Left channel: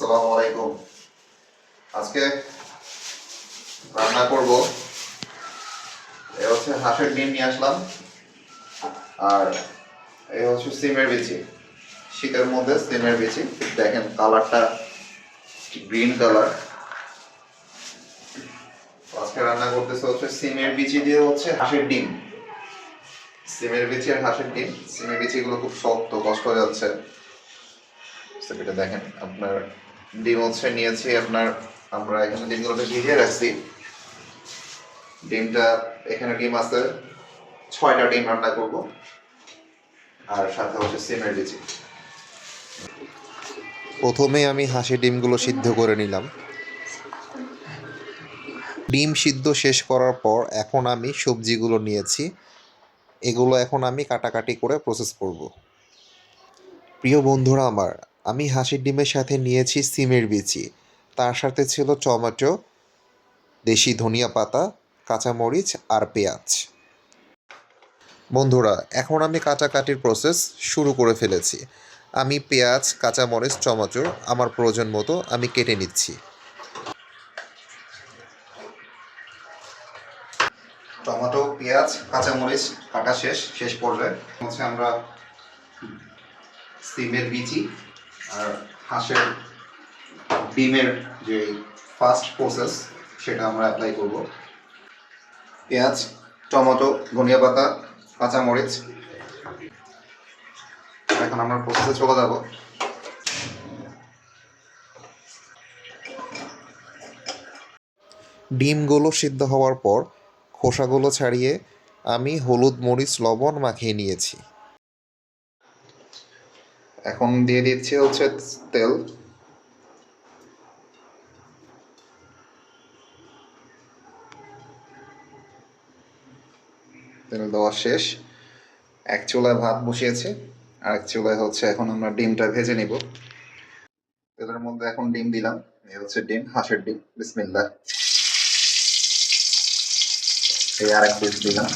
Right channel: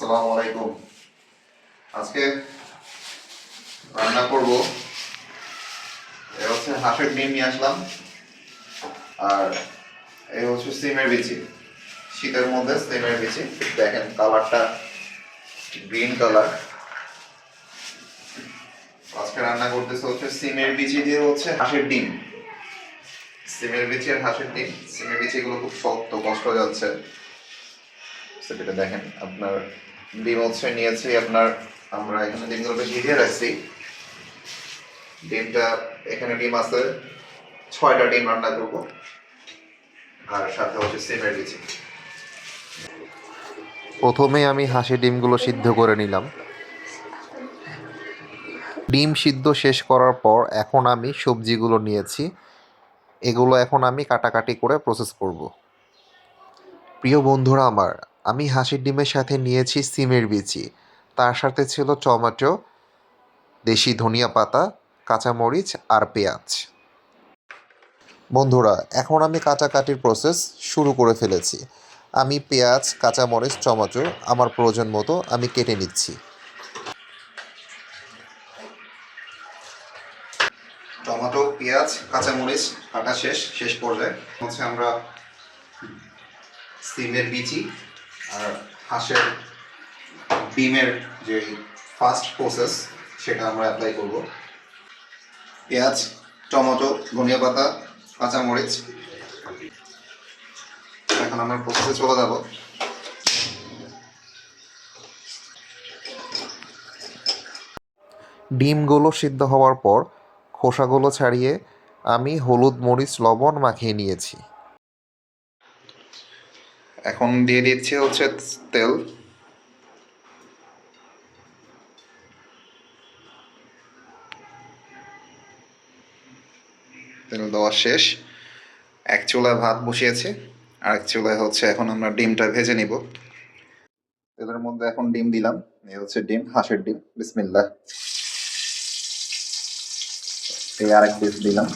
আসসালামু আলাইকুম। আজকে রান্না করব হচ্ছে হাঁসের ডিম নিয়ে আসলাম, আর হচ্ছে সিমের বিচি। শীতের মধ্যে সিমের বিচি, দেখেন কালারটা গ্রিন কালার। আজকে রান্না করতেছে হচ্ছে সিমের বিচি দিয়ে হচ্ছে হাঁসের ডিম। সিমের বিচি আর হাঁসের ডিম। সিমের বিচিগুলো খুব শক্ত, কষ্ট হয়ে যাচ্ছে। সেটা দেখেন, আপনার ডিম হচ্ছে নিয়েছি আপনার, আমরা এখানে ডিমগুলোকে ভিজিয়ে রাখছি। ডিমটা এখানে ডিম আছে 6টা ডিম রান্না করব, আর সাথে হচ্ছে সিমের বিচি। প্রথমে আমি হাঁসের ডিমগুলো সিদ্ধ করে নিলাম। ডিম সিদ্ধ শেষ করার পর এখন আমি সবজিগুলো নিয়েছি, এগুলো এখন আমি কাটাকাটি করে প্রসেস করব। প্রিয় বন্ধুরা আমার, আমি হাঁসের ডিমের সাথে নিয়েছি সিমের বিচি, তার সাথে ছিল টমেটো, দেশি ধনিয়া পাতা, কাঁচামরিচ আর পেঁয়াজ। বন্ধুরা, এখন আমি কাটাকাটির প্রসেস শুরু করে ফেলেছি। আমি পেঁয়াজ, কাঁচামরিচ, টমেটো আমার প্রয়োজন মতো আমি কেটে নিচ্ছি। টমেটো, পেঁয়াজ, কাঁচামরিচ কাটা শেষ পর্যায়ে হচ্ছে আমরা সিমের বিচি আর হাঁসের ডিমের যে ফার্স্ট প্রসেস সেটা আমরা অ্যাপ্লাই করব। পেঁয়াজ, টমেটো, ধনিয়া পাতা, কাঁচামরিচ। এখন আমরা প্রসেসে চলে যাব। ডিমগুলো সিদ্ধ হওয়ার পর খোসাগুলো ছাড়িয়ে আমি হলুদ, মরিচ, লবণ মাখিয়ে নিয়েছি। এখন দিয়ে দিচ্ছি হচ্ছে তেল। তেল দেওয়া শেষ। এক চুলায় ভাত বসিয়েছি, আর এক চুলায় হচ্ছে এখন আমরা ডিমটা ভেজে নিব। তেলের মধ্যে এখন ডিম দিলাম। এই হচ্ছে ডিম, হাঁসের ডিম। বিসমিল্লাহ। এই আর এক পিস দিলাম।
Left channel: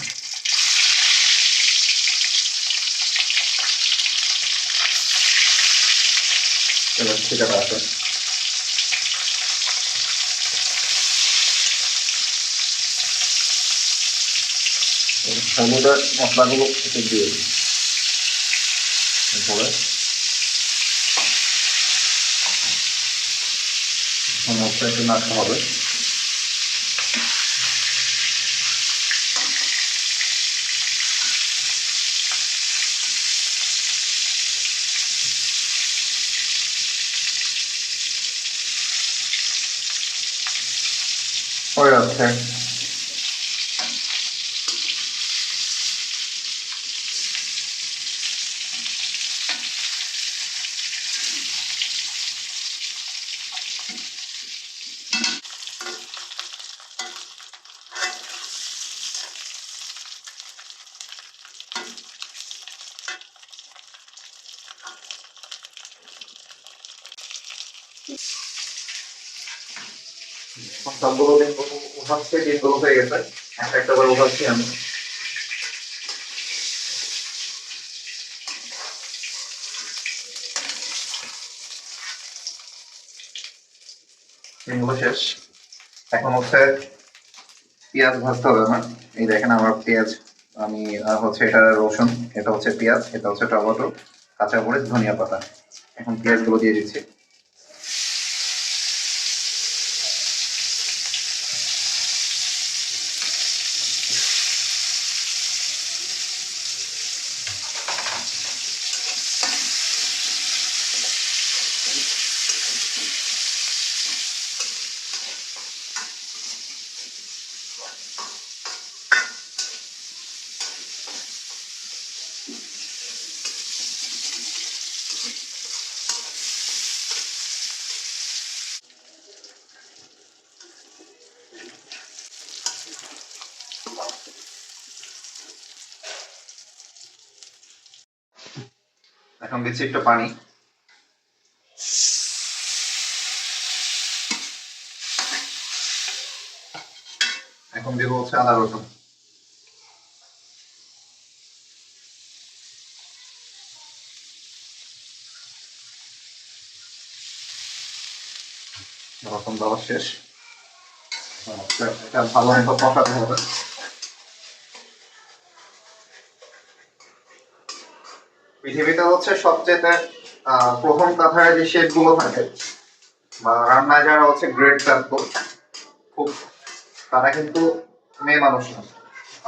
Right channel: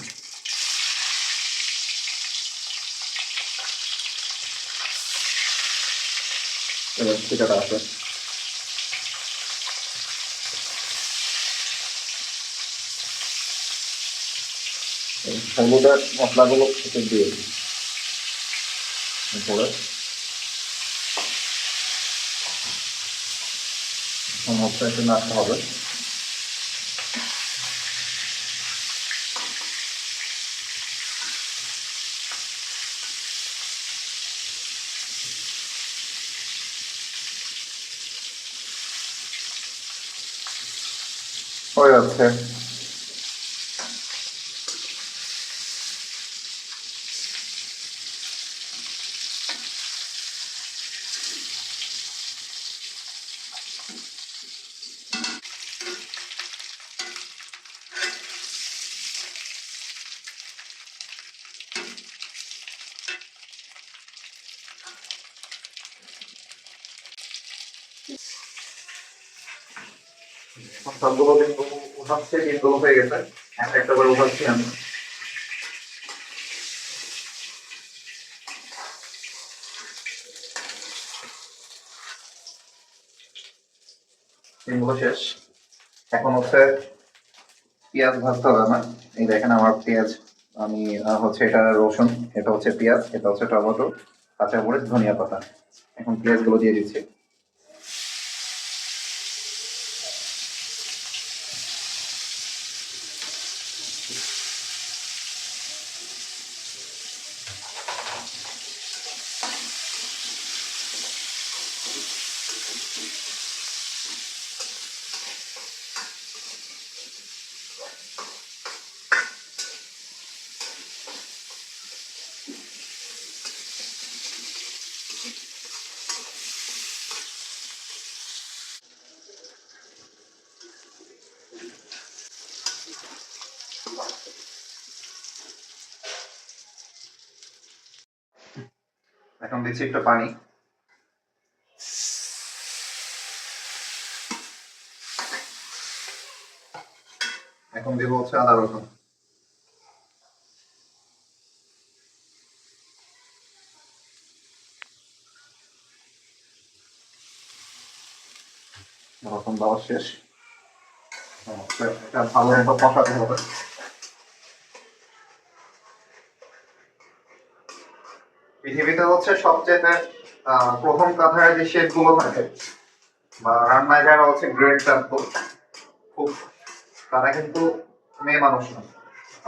এবার ঠিকাটা আছে। হলুদের মশলাগুলো একটু দিয়ে দিই। এরপরে মশলা একটু নাড়তে হবে। হয়ে যাচ্ছে। এখন সবগুলো ডিম উঠাচ্ছে, ডিমগুলো হয়ে গেছে। একটা একটা করে উঠাচ্ছি আমি। ডিমগুলো শেষ। এখন হচ্ছে পেঁয়াজ ভাজতে হবে আমার। এই দেখেন আমার পেঁয়াজ, আমি হচ্ছে এটা রসুন, এটা হচ্ছে পেঁয়াজ, এটা হচ্ছে টমেটো, কাঁচামরিচ, ধনিয়া পাতা। এখন পেঁয়াজগুলো দিয়ে দিচ্ছি। এখন দিচ্ছি একটু পানি। এখন দেবো হচ্ছে আদা রসুন। রসুন দেওয়া শেষ। এটা ভালো মতো কষাতে হবে। পৃথিবীতে হচ্ছে সবচেয়ে প্রথম কাঠায় যে শেফ গুলো থাকে বা রান্নায় যারা হচ্ছে গ্রেট শেফ, খুব তারা কিন্তু মেয়ে মানুষ না।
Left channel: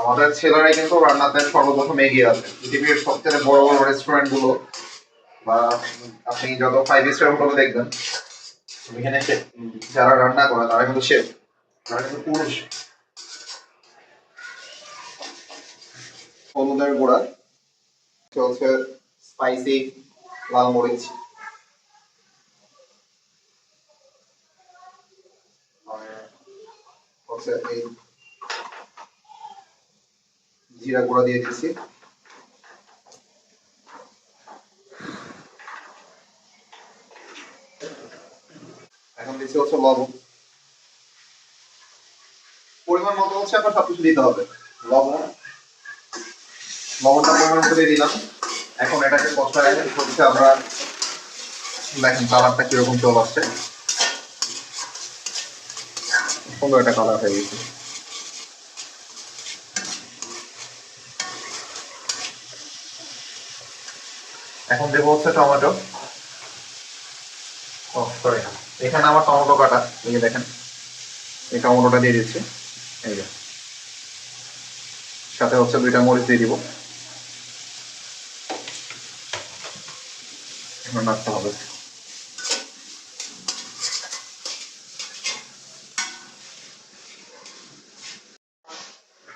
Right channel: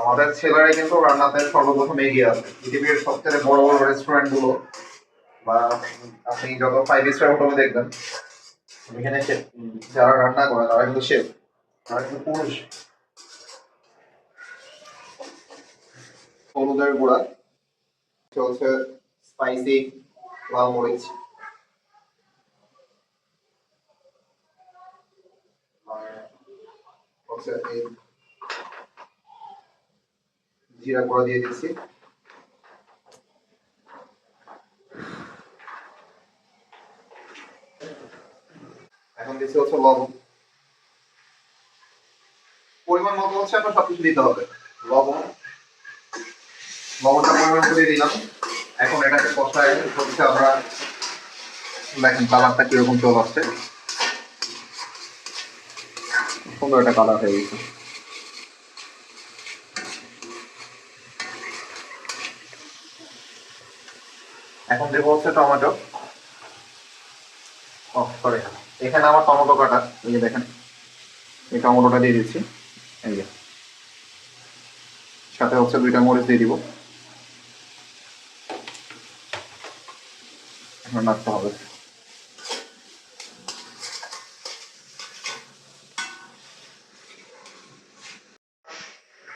আমাদের ছেলেরাই কিন্তু রান্নাতে সর্বপ্রথম এগিয়ে আছে। পৃথিবীর সবচেয়ে বড় বড় রেস্টুরেন্ট গুলো বা আপনি যত 5 স্টার হোটেলে দেখবেন, এখানে যারা রান্না করে তারা কিন্তু শেফ, তারা কিন্তু পুরুষ। হলুদের গুঁড়া চলছে, স্পাইসি লাল মরিচ, আর হচ্ছে এই জিরা গুঁড়া দিয়ে দিচ্ছি। এখন দিচ্ছি হচ্ছে লবণ, পরিমাণ মতো হচ্ছে আপনার সবকিছু দিতে হবে। লবণ, লবণটা পরিমাণ মতো দিয়ে দিলাম। এখন এটাকে কষায় হচ্ছে আমরা, দেখেন কালারটা কিরকম চলে আসছে, সুন্দর একটা কালার হয়ে গেছে। এখন দেবো হচ্ছে টমেটো। ও সরি, এখানে আমার টমেটো কাটা, এই যে দেখেন, এই টমেটোটা দিয়ে দিচ্ছি। এই যে সাথে হচ্ছে 2টা মরিচ দিয়ে দিব। এখন নাড়তে হবে।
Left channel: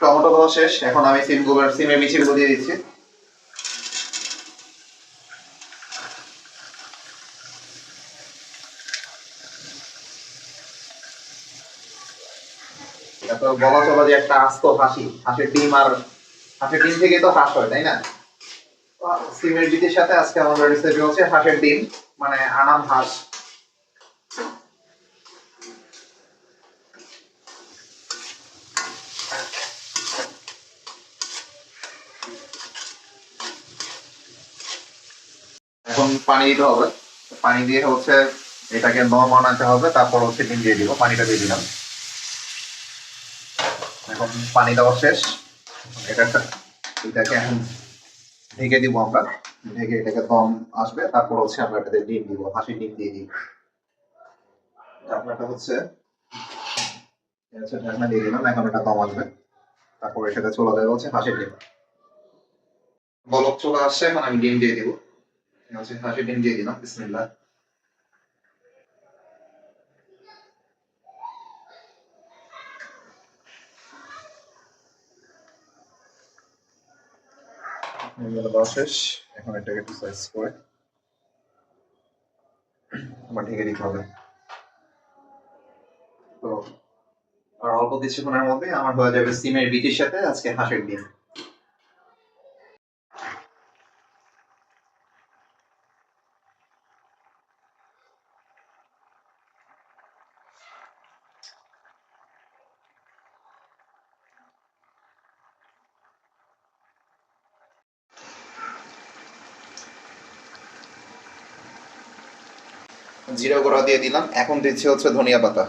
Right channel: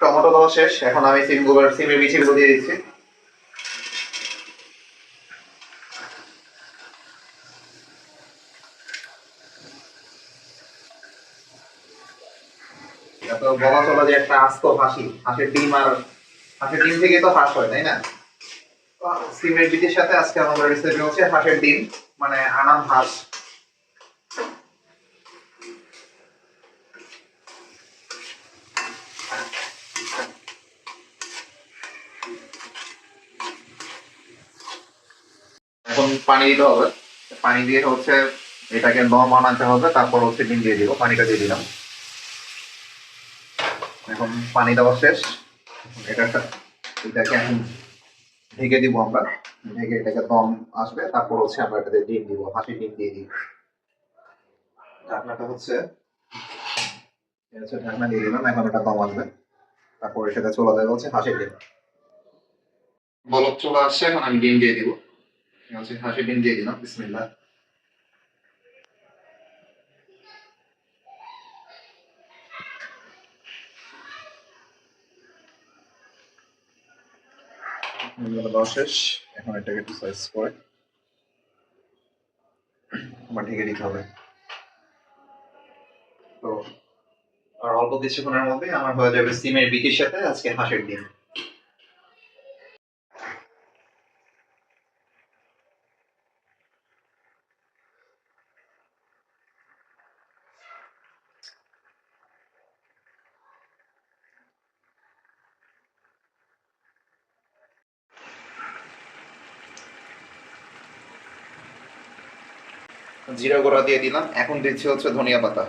টমেটো দেওয়া শেষ, এখন আমি সিমের বিচিগুলো দিয়ে দিচ্ছি। তারপর বলা চলে যে একটা আস্ত হাসি, হাঁসের ডিম, আর হাঁসের ডিম থেকে তো হাঁস হয়, তাই না? সিমের বিচির সাথে আজকে আমাদের রেসিপি হচ্ছে হাঁসের ডিম, মানে আনাম হাঁস। এখন পানি দিতে হবে, পানি দিয়ে হচ্ছে এটাকে দম আনাতে হবে, তারপর হচ্ছে ডিম দিয়ে দিব। পানিটা দিয়ে দিলাম। এখন পানি দেওয়া শেষ, এটা এটাকে এখন ঢেকে দিব আমরা। ঢেকে এটাকে দম আসবে, তারপর হচ্ছে আমরা এটাতে ডিম দিব, হাঁসের ডিম দিয়ে দিব। ঢাকনাটা হচ্ছে ঢাকনা দিয়ে দিলাম। এখন এটা দম আসবে, তারপর এর সাথে চলে যাবে হচ্ছে হাঁসের ডিম। বলক চলে আসছে, এখন আমি ডিম দিয়ে দিব। হচ্ছে হাঁসের ডিম দিয়ে দিলাম, বিসমিল্লাহ। দেওয়া শেষ, এখন এটাকে একটু সাইজ করে আবার ঢেকে দিতে হবে। তো আর অল্প কিছুক্ষণের মধ্যে আমার হয়ে যাবে সিমের বিচির সাথে আজকে হাঁসের ডিম। জিরা গুঁড়া দিয়ে দিলাম, এখন দিচ্ছি হচ্ছে ধনিয়া পাতা।